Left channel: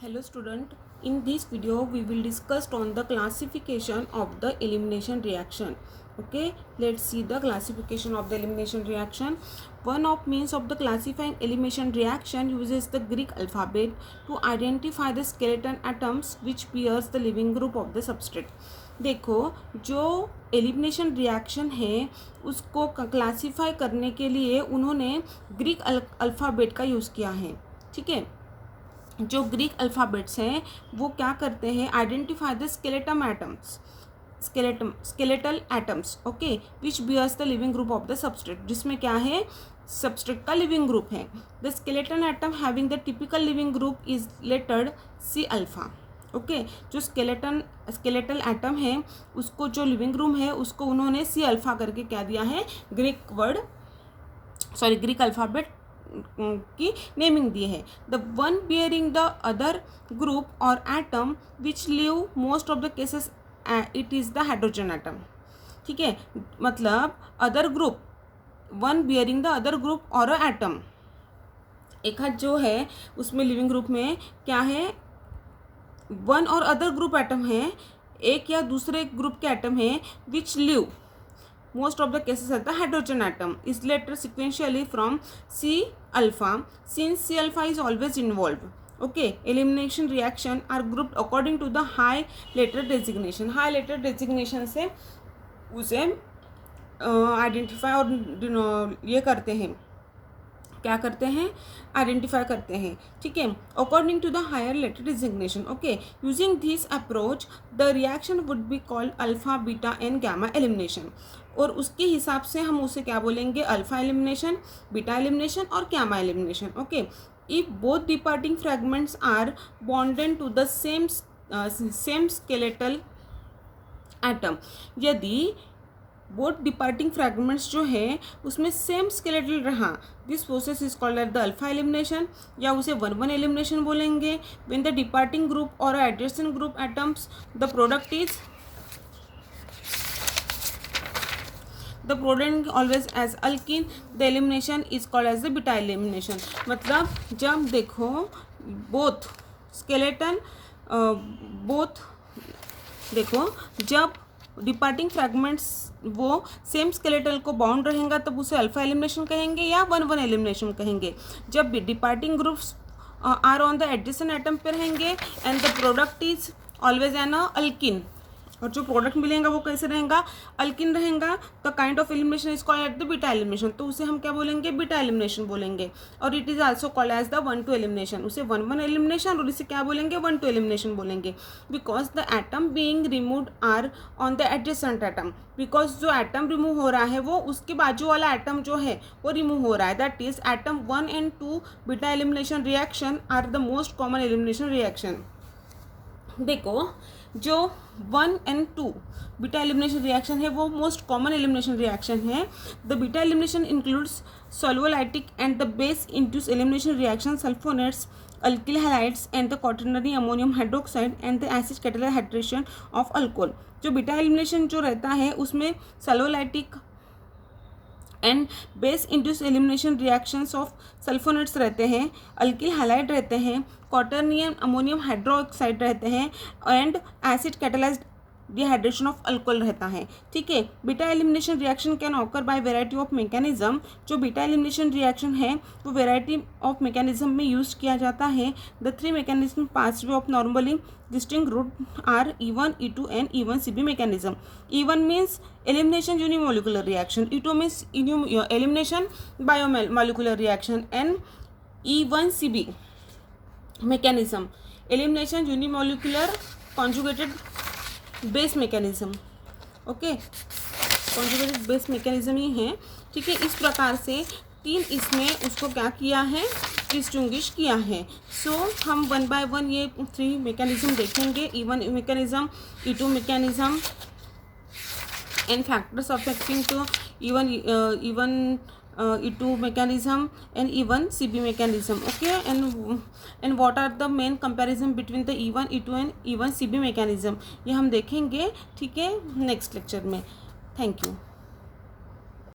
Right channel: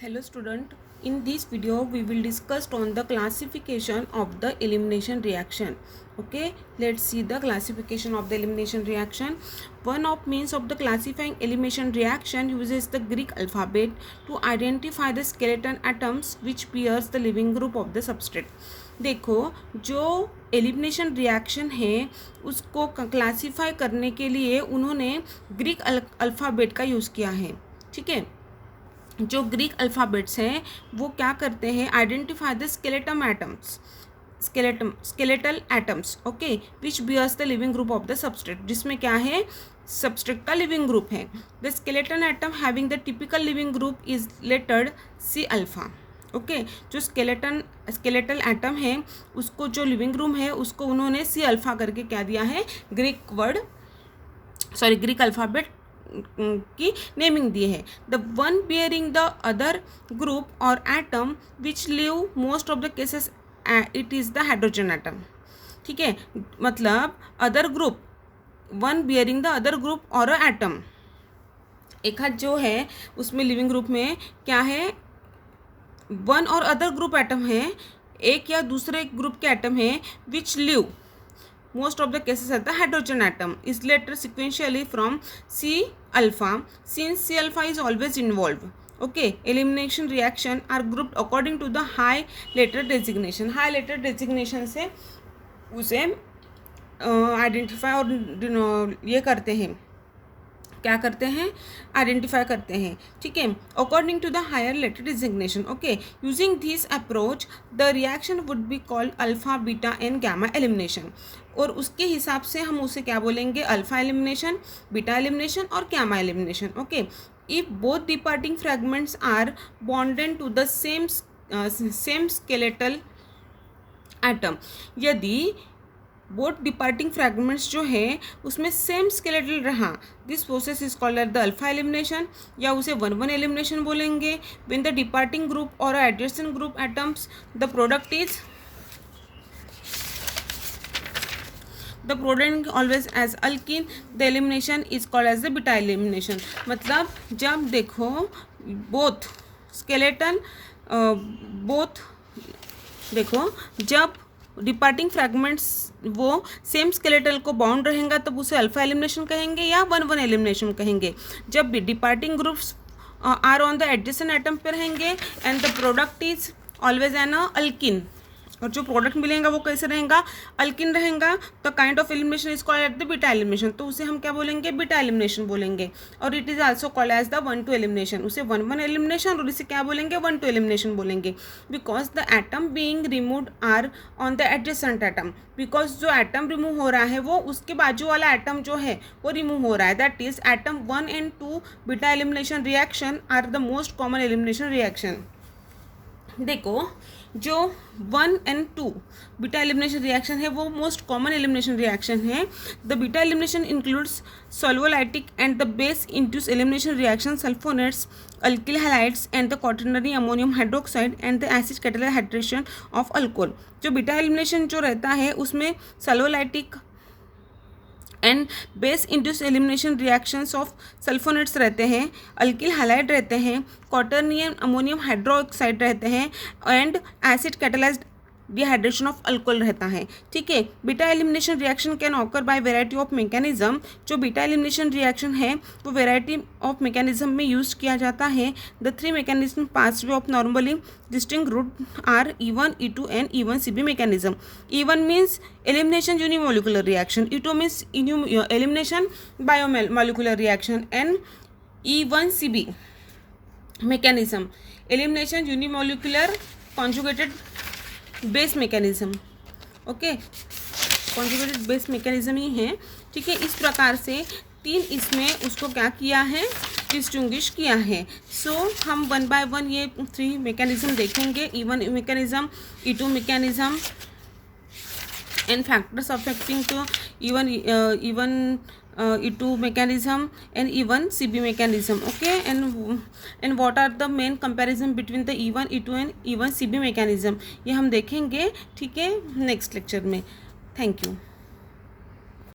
Hello student, in this video we will discuss on the classification of the elimination reaction. Okay, let's see the classification of the elimination reaction. One of means of the classifying elimination reaction uses the Greek alphabet to identify the skeleton atoms which bears the living group of the substrate. देखो, जो elimination reaction है उसको classify करने के लिए उन्होंने Greek alphabet का use किया है. ठीक है, जो ग्रीक अल्फ़ाबेट्स हैं वो क्या करते हैं, identify the skeletal atoms, okay, which bears the leaving group of the substrate, जिसमें क्या है, सबस्ट्रेट का लिविंग ग्रुप है. The skeleton atom having the typical leaving group is lettered C alpha. Okay, जो स्केलेटल एटम है उसको जो living group है उसको उन्होंने सी अल्फा करके क्या दिया है, ग्रीक अल्फ़ाबेट की नेमिंग दी है. The one bearing the other group और atom which live most of the cases it is the hydrogen atom. ठीक है, मतलब other group, one bearing the other group और एटम, एक हाथ जो है उसमें लिविंग ग्रुप में क्या है, वन और अदर ग्रुप एटम है, एक या दूसरे ग्रुप के एटम है, which live most of the cases at the hydrogen atom is later sequentially from C alpha, since C alpha is always involved. Okay, elimination reaction are grouped according to the high letter designation. high letter designation से उसे identify और ये करते हैं, क्या करते हैं, identify करते हैं. ठीक है, according to the higher letter designation. Okay, using this approach the reaction would be called alpha, beta and gamma elimination. और उसके हिसाब से हम उसे क्या बोलेंगे, अल्फा एलिमिनेशन, बीटा एलिमिनेशन और gamma elimination. Okay, if both departing fragments are bonded to the same skeletal atom, यदि बोथ डिपार्टिंग फ्रैगमेंट्स जो है उसमें सेम स्केलेटल रहा, this process is called the alpha elimination, या उसे 1-1 एलिमिनेशन बोलेंगे. When the departing group और adjacent group atoms the product always as alkene, the elimination is called as the beta elimination. मतलब जब देखो बोथ स्केलेटन देखो जब डिपार्टिंग फ्रैगमेंट्स वो सेम स्केलेटल को बाउंड रहेगा तब उसे अल्फा एलिमिनेशन कहेंगे या 1-1 एलिमिनेशन कहेंगे. जब departing groups are on the adjacent atom पे रहेंगे and the product is always an alkene, और जो प्रोडक्ट मिलेगा वो कैसे रहेगा, अल्किन रहेगा, तो kind of elimination is called at the beta elimination, तो उसे हम क्या बोलेंगे, बीटा एलिमिनेशन बोलेंगे. और it is also called as the 1-2 elimination, उसे 1-1 एलिमिनेशन और इसे क्या बोलेंगे, 1-2 एलिमिनेशन बोलेंगे. Because the atom being removed are on the adjacent atom, because जो एटम रिमूव हो रहा है वो उसके बाजू वाला एटम जो है वो रिमूव हो रहा है. That is atom 1 and 2 beta elimination reaction are the most common elimination reaction. देखो, जो 1 and 2 बीटा एलिमिनेशन रिएक्शन है वो मोस्ट कॉमन एलिमिनेशन रिएक्शन है. The beta elimination includes solvolytic and the base induce elimination reaction, sulfonates, alkyl halides and the quaternary ammonium hydroxide and the acid catalyse hydration of alcohol. जो beta elimination जो रहता है उसमें solvolytic and base induce elimination reactions of sulfonates रहते हैं, alkyl halide रहते हैं, क्वाटरनियम ammonium hydroxide रहते हैं and acid catalysed dehydration of alcohol रहता है. ठीक है, beta elimination reaction can occur by variety of mechanism. जो बीटा एलिमिनेशन रिएक्शन है वो वेराइटी ऑफ मैकेनिज्म में यूज किया जाता है. The 3 mechanism pathway of normally distinct route are E1, E2 and E1 CB mechanism. E1 means elimination unimolecular reaction, E2 means elimination biomolecular reaction, and E1 CB mechanism, elimination unimolecular conjugated base mechanism. Okay, conjugated base mechanism ही है. ठीक है, इस प्रकार से 3 इसमें उसको क्या किया है, डिस्टिंग्विश किया है. सो हम 1 by 1 ये 3 मैकेनिज्म देखेंगे, E1 mechanism, E2 mechanism and factors affecting to E1 E2 mechanism and E1 CB mechanism. Okay, and what are the main comparison between the E1 E2 and E1 CB mechanism, ये हम देखेंगे. ठीक है, next lecture में. Thank you.